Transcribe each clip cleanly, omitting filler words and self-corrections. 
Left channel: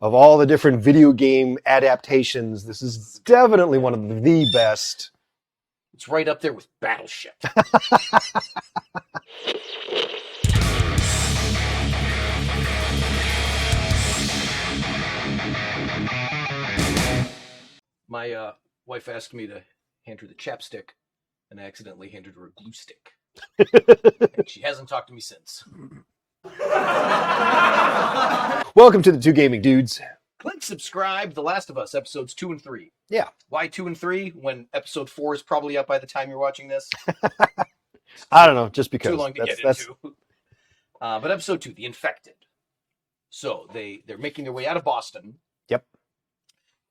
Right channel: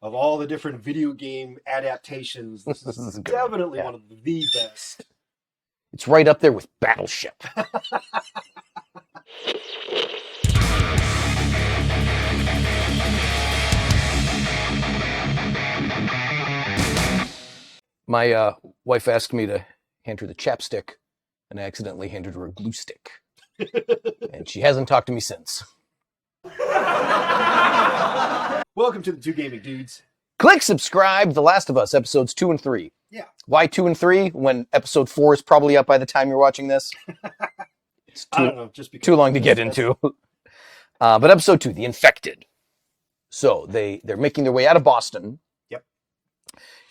of all the different video game adaptations, this is definitely one of the best. It's right up there with Battleship. My wife asked me to hand her the chapstick, and I accidentally handed her a glue stick. And she hasn't talked to me since. Welcome to the Two Gaming Dudes. Click subscribe, The Last of Us, episodes 2 and 3. Yeah. Why 2 and 3 when episode 4 is probably up by the time you're watching this? I don't know, just because. Too long to get into. But episode 2, The Infected. So they're making their way out of Boston. Yep.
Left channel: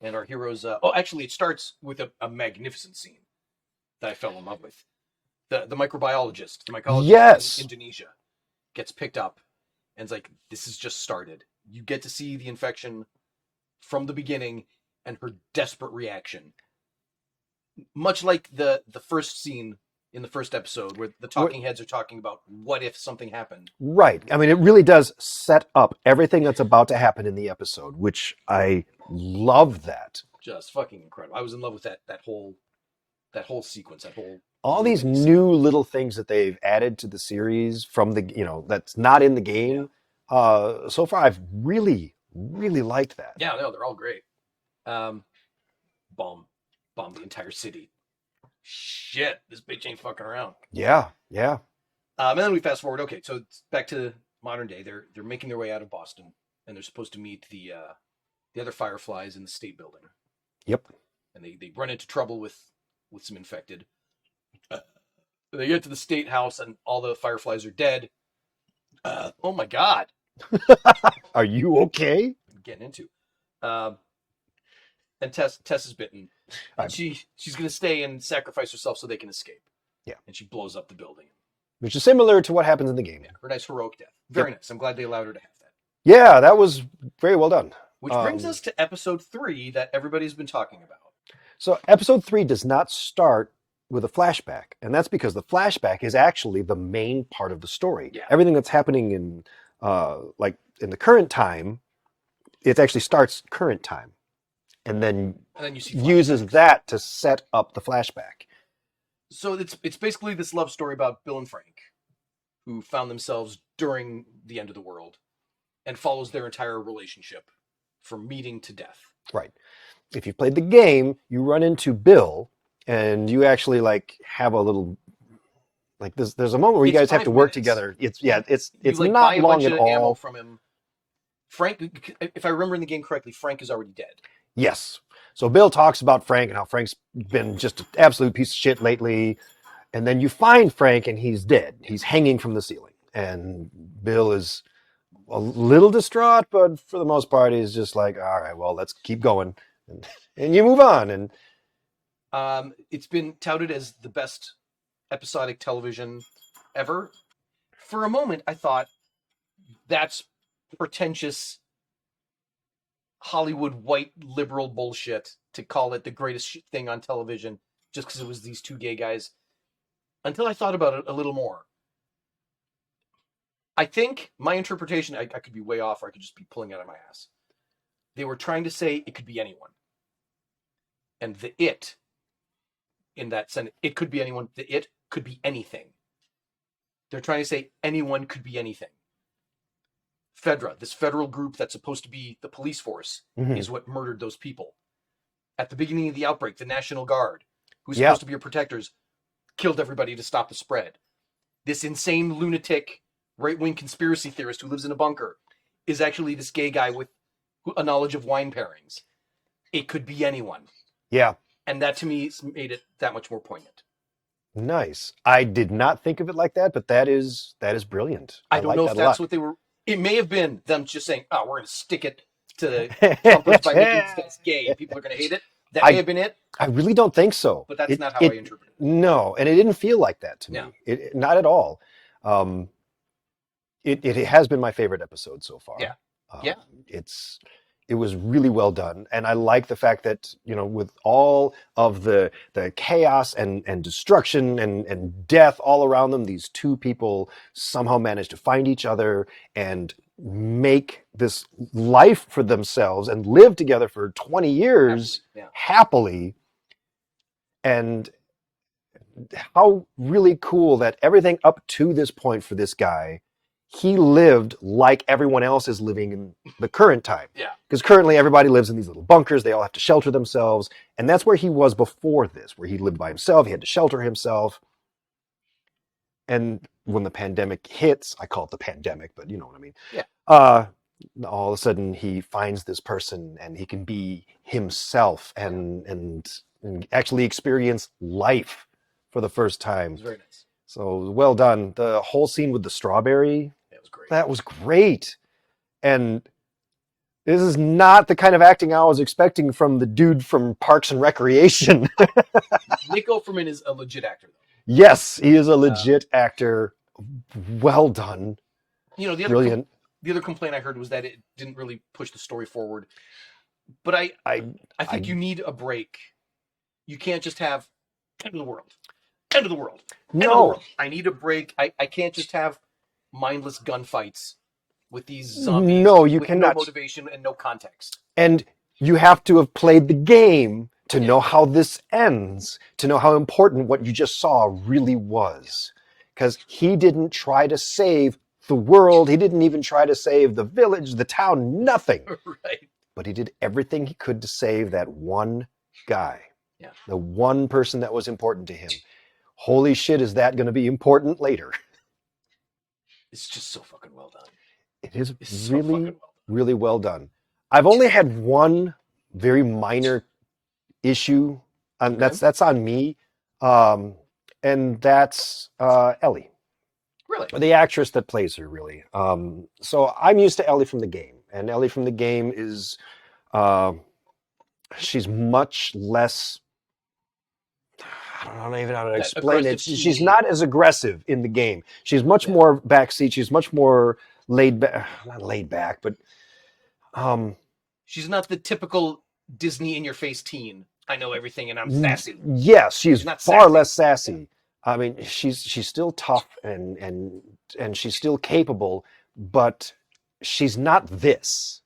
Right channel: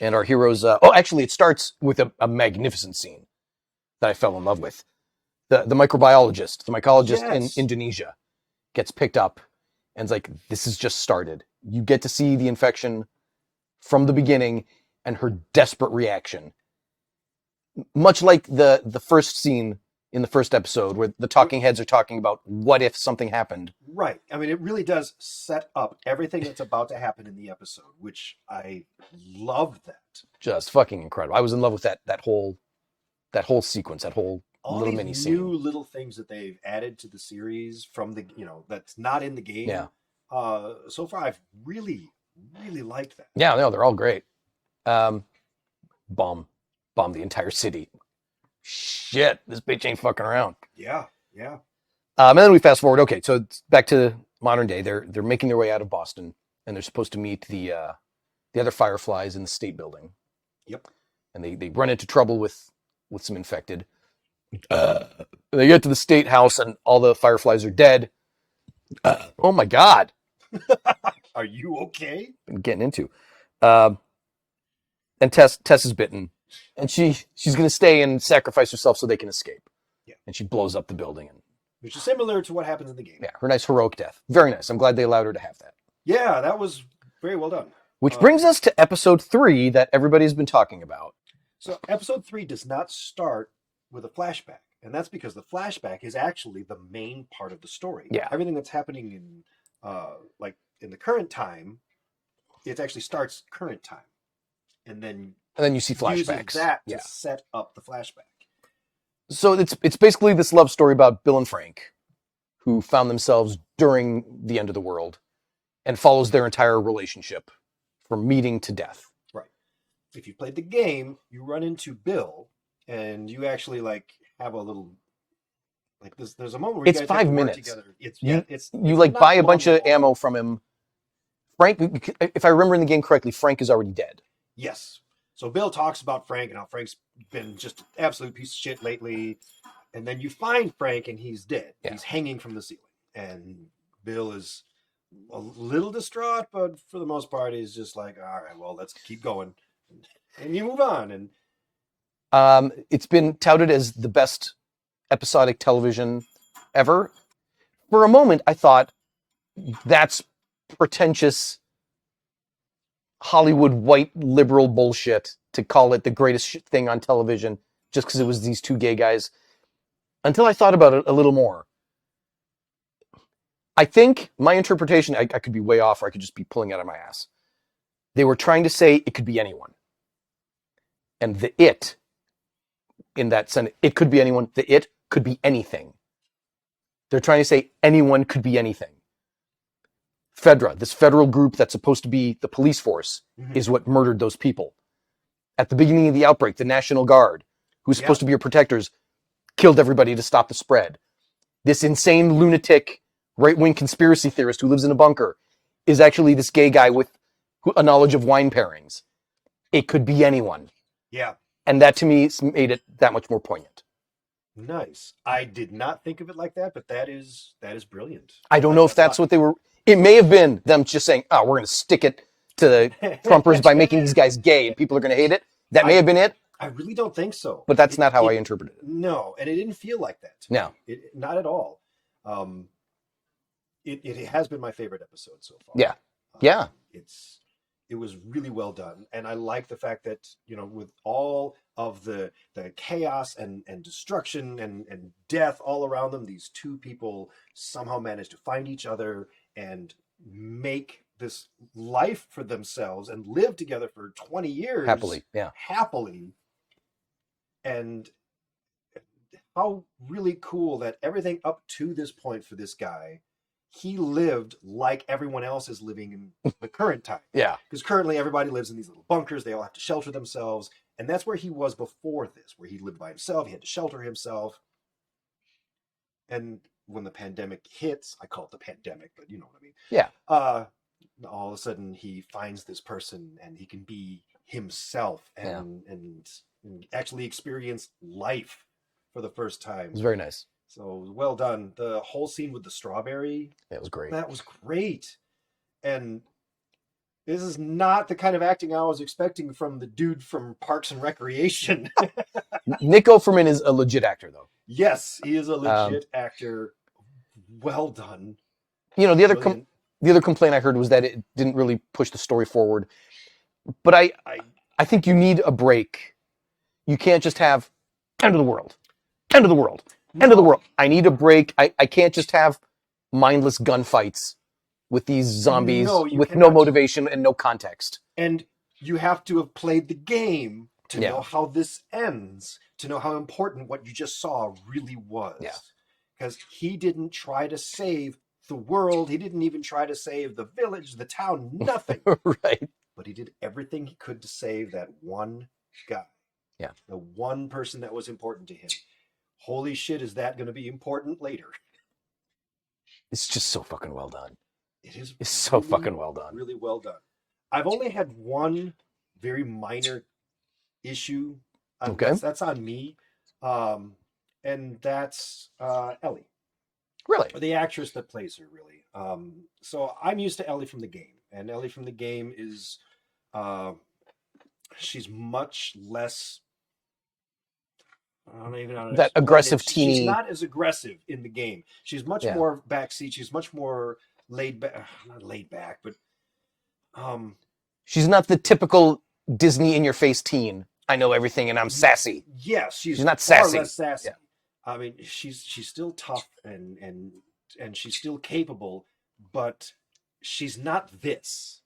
And our heroes... actually, it starts with a magnificent scene that I fell in love with. The microbiologist, the mycologist in Indonesia gets picked up and it's like, this has just started. You get to see the infection from the beginning and her desperate reaction. Much like the first scene in the first episode where the talking heads are talking about what if something happened. Right. I mean, it really does set up everything that's about to happen in the episode, which I love that. Just fucking incredible. I was in love with that whole sequence, that whole... All these new little things that they've added to the series from the, that's not in the game. Yeah. So far, I've really, really liked that. Yeah, no, they're all great. Bomb the entire city. Shit, this bitch ain't fucking around. Yeah, yeah. And then we fast forward. Okay, so it's back to modern day. They're making their way out of Boston, and they're supposed to meet the other Fireflies in the state building. Yep. And they run into trouble with some infected. They get to the state house, and all the Fireflies are dead. Oh my God. Are you okay? I'm getting into. And Tess is bitten. And she's going to stay and sacrifice herself so they can escape. Yeah. And she blows up the building. Which is similar to what happens in the game. Yeah, her nice heroic death. Very nice. I'm glad they allowed her to have that. Yeah, that was very well done. Which brings us to episode 3 that everybody's been talking about. So episode 3 does not start with a flashback. And that's because the flashback is actually the main part of the story. Yeah. Everything that's happening in in the current time, it actually starts current time. And then you see flashbacks. Uses that to set up the flashback. So it's basically this love story about Bill and Frank, who found themselves during the end of the world, and follows their entire relationship from meeting to death. Right. If you've played the game, you run into Bill, and you actually have a little there's a moment where you guys have to work together. It's you buy a bunch of ammo from him. Frank, if I remember in the game correctly, Frank is already dead. Yes. So Bill talks about Frank and how Frank's been just an absolute piece of shit lately. And then you find Frank and he's dead. Yeah. He's hanging from the ceiling. And Bill is a little distraught, but for the most part, he's just like, all right, well, let's keep going. And you move on. And it's been touted as the best episodic television ever. For a moment, I thought that's pretentious Hollywood white liberal bullshit to call it the greatest thing on television just because it was these two gay guys. Until I thought about it a little more. I think my interpretation, I could be way off, or I could just be pulling out of my ass. They were trying to say it could be anyone. And the it, in that sentence, it could be anyone. The it could be anything. They're trying to say anyone could be anything. Fedra, this federal group that's supposed to be the police force, is what murdered those people. At the beginning of the outbreak, the National Guard, who's supposed to be your protectors, killed everybody to stop the spread. This insane lunatic right-wing conspiracy theorist who lives in a bunker is actually this gay guy with a knowledge of wine pairings. It could be anyone. Yeah. And that to me made it that much more poignant. Nice. I did not think of it like that, but that is brilliant. I don't know if that's what they were... It may have been them just saying, oh, we're going to stick it to the Trumpers by making these guys gay and people are going to hate it. That may have been it. I really don't think so. But that's not how I interpret it. No, and it didn't feel like that to me. No. Not at all. It has been my favorite episode so far. Yeah. Yeah. It was really well done. And I like the fact that, with all of the chaos and destruction and death all around them, these two people somehow managed to find each other and make this life for themselves and live together for 20 years Happily, yeah. happily. And how really cool that everything up to this point for this guy, he lived like everyone else is living in the current time. Yeah. Because currently everybody lives in these little bunkers. They all have to shelter themselves. And that's where he was before this, where he lived by himself. He had to shelter himself. And when the pandemic hits, I call it the pandemic, but you know what I mean. Yeah. All of a sudden he finds this person and he can be himself and actually experience life for the first time. It was very nice. So well done. The whole scene with the strawberry, It was great. that was great. And this is not the kind of acting I was expecting from the dude from Parks and Recreation. Nick Offerman is a legit actor, though. Yes, he is a legit actor. Well done. You know, the Brilliant. other complaint I heard was that it didn't really push the story forward. But I think you need a break. You can't just have end of the world, end of the world, end of the world. I need a break. I can't just have mindless gunfights with these zombies with no motivation and no context. And you have to have played the game to know how this ends, to know how important what you just saw really was. Because he didn't try to save the world. He didn't even try to save the village, the town, nothing. Right. But he did everything he could to save that one guy. Yeah. The one person that was important to him. Holy shit, is that going to be important later? It's just so fucking well done. It's so fucking well done. Really well done. I've only had one very minor issue. That's on me. And that's Ellie. Really? The actress that plays her, really. So I'm used to Ellie from the game. And Ellie from the game is... she's much less... I don't even know how to explain aggressive it. teen. She's not as aggressive in the game. She's much more backseat. She's much more laid back. Not laid back, but... she's not the typical Disney in-your-face teen. I know everything and I'm sassy. Yes, she's not far sassy. less sassy. Yeah. I mean, she's still tough and she's still capable, but she's not this.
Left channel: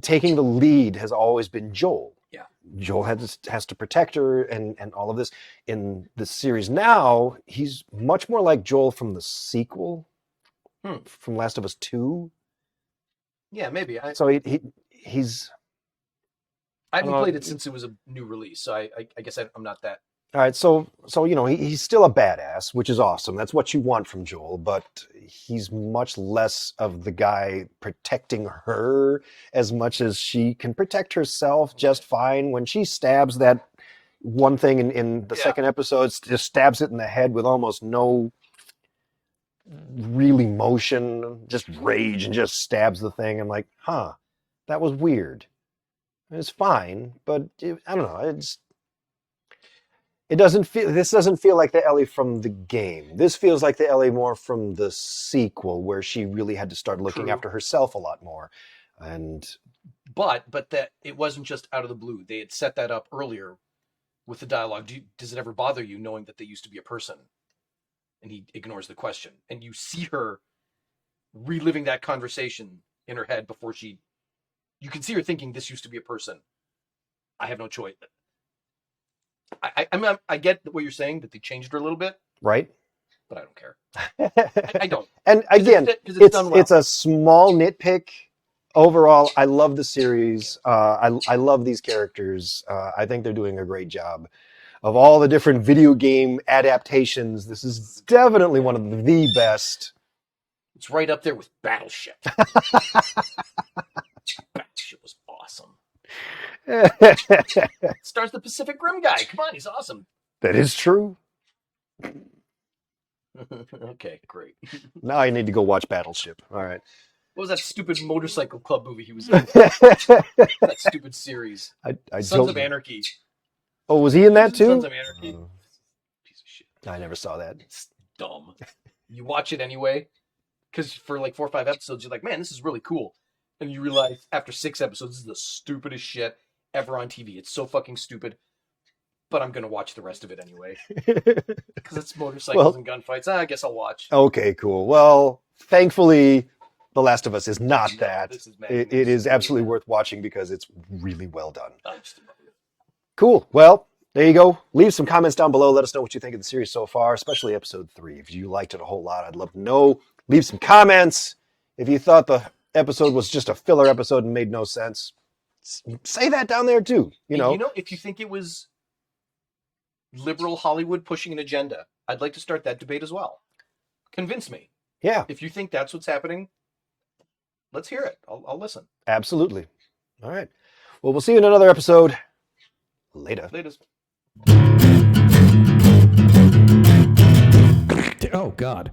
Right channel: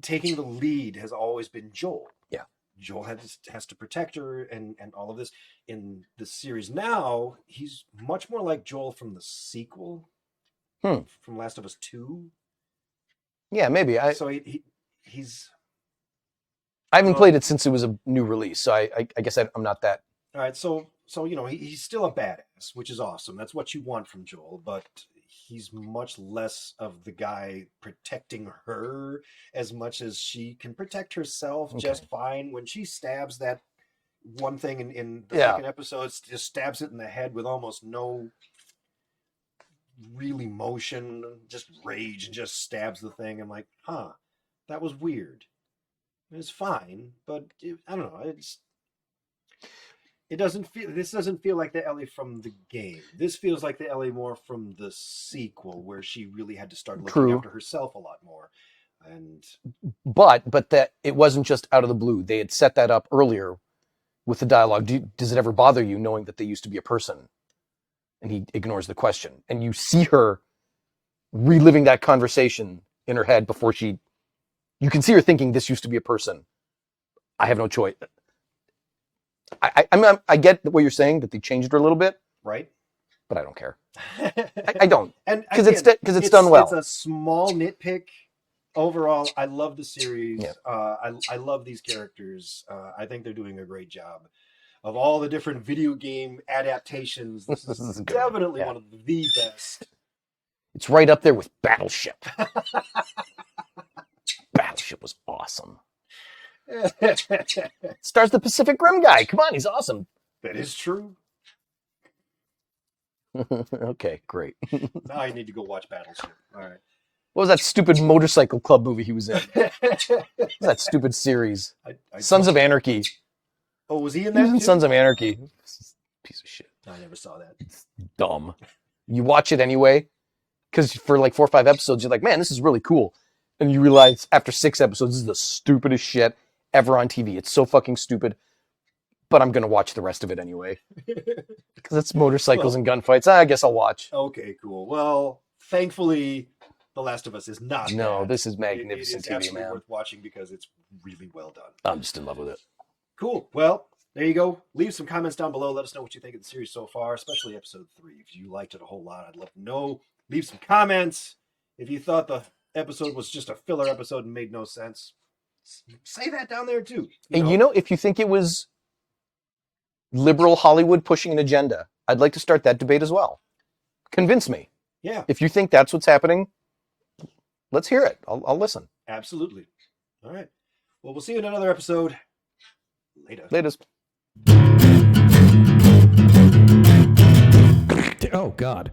Taking the lead has always been Joel. Yeah. Joel has to protect her and all of this. In the series now, he's much more like Joel from the sequel, from Last of Us 2. Yeah, maybe. So he's... I haven't played it since it was a new release, so I guess I'm not that. All right, so you know, he's still a badass, which is awesome. That's what you want from Joel, but he's much less of the guy protecting her as much as she can protect herself just fine. When she stabs that one thing in the second episode, just stabs it in the head with almost no real emotion, just rage, and just stabs the thing. I'm like, that was weird. It's fine, but I don't know. This doesn't feel like the Ellie from the game. This feels like the Ellie more from the sequel, where she really had to start looking after herself a lot more. But that it wasn't just out of the blue. They had set that up earlier with the dialogue. Does it ever bother you knowing that they used to be a person? And he ignores the question. And you see her reliving that conversation in her head before you can see her thinking, this used to be a person. I have no choice. I get what you're saying, that they changed her a little bit. Right. But I don't care. I don't. And again, because it's done well. It's a small nitpick. Overall, I love the series. I love these characters. I think they're doing a great job. Of all the different video game adaptations, this is definitely one of the best. It's right up there with Battleship. Battleship was awesome. Stars the Pacific Rim guy. Come on, he's awesome. That is true. Okay, great. Now I need to go watch Battleship. All right. What was that stupid motorcycle club movie he was in? That stupid series. Sons of Anarchy. Oh, was he in that too? Sons of Anarchy. Piece of shit. I never saw that. It's dumb. You watch it anyway, because for like 4 or 5 episodes, you're like, man, this is really cool. And you realize after 6 episodes, this is the stupidest shit ever on TV. It's so fucking stupid. But I'm going to watch the rest of it anyway. Because it's motorcycles and gunfights. I guess I'll watch. Okay, cool. Well, thankfully, The Last of Us is not No, that. this is It magnificent. is to me, absolutely man. worth watching because it's really well done. I'm just in love with it. Cool. Well, there you go. Leave some comments down below. Let us know what you think of the series so far, especially episode 3. If you liked it a whole lot, I'd love to know. Leave some comments. If you thought the episode was just a filler episode and made no sense, say that down there too. If you think it was liberal Hollywood pushing an agenda, I'd like to start that debate as well. Convince me. Yeah, If you think that's what's happening, let's hear it. I'll listen. absolutely. All right. Well, we'll see you in another episode. Later. Latest. Oh, God.